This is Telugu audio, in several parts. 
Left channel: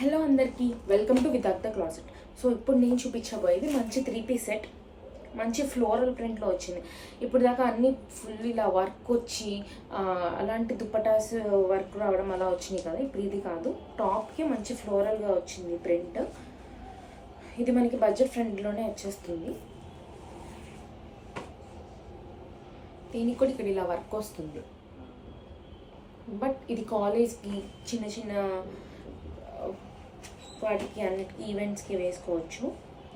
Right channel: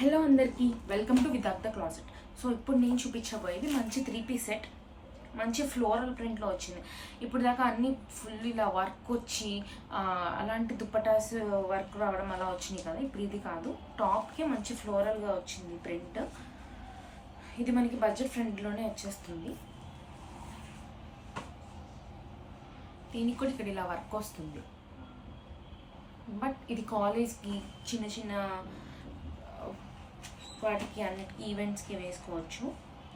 హలో అందరికీ welcome to with the closet. So ఇప్పుడు నేను చూపించబోయేది మంచి 3 పీస్ సెట్, మంచి ఫ్లోరల్ ప్రింట్లో వచ్చింది. ఇప్పుడు దాకా అన్ని ఫుల్ ఇలా వర్క్ వచ్చి అలాంటి దుప్పటాస్ వర్క్ రావడం అలా వచ్చినాయి కదా. ఇప్పుడు ఇది కాదు, టాప్కి మంచి ఫ్లోరల్గా వచ్చింది ప్రింట్. ఇది మనకి బడ్జెట్ ఫ్రెండ్లోనే వచ్చేస్తుంది. దీనికి కూడా ఇక్కడ ఇలా వర్క్ వస్తుంది. బట్ ఇది కాలేజ్కి చిన్న చిన్న వాటికి అన్నిటికి ఈవెంట్స్కి వేసుకోవచ్చు.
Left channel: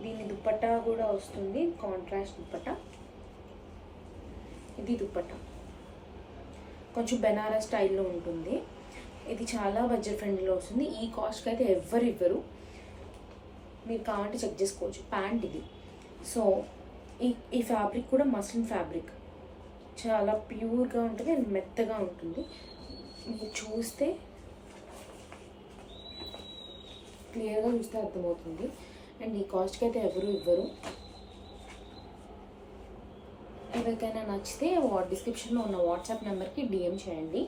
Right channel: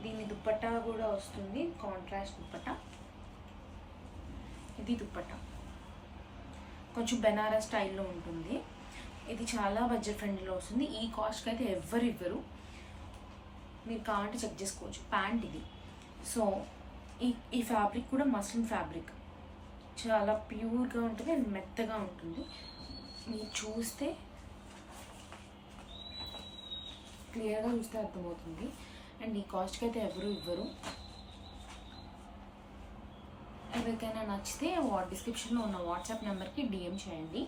దీని దుప్పట్టా కూడా వస్తుంది, కాంట్రాస్ట్ దుప్పట్టా. ఇది దుప్పట్టా కొంచెం బెనారస్ స్టైల్లో ఉంటుంది. ఇది చాలా బడ్జెట్ ఫ్రెండ్లీలో వస్తుంది. ఈ కాస్ట్కి అయితే ఎవ్వరు ఇవ్వరు, మీరు కావాలంటే చెక్ చేసుకోవచ్చు. ప్యాంట్ ఇది. సో ఈ ఫ్యాబ్రిక్ కూడా మస్లిన్ ఫ్యాబ్రిక్, చాలా ప్యూర్గా ఉంటుంది అండ్ మెత్తగా ఉంటుంది. మీరు చూస్తే క్లియర్గా చూస్తే అర్థమవుతుంది. అండ్ ఈ కాస్ట్కి అయితే ఎవరు ఇవ్వరు. ఎవరికైనా నచ్చితే డిస్క్రిప్షన్లో ఉన్న వాట్సాప్ నెంబర్కి డిఎం చేయండి.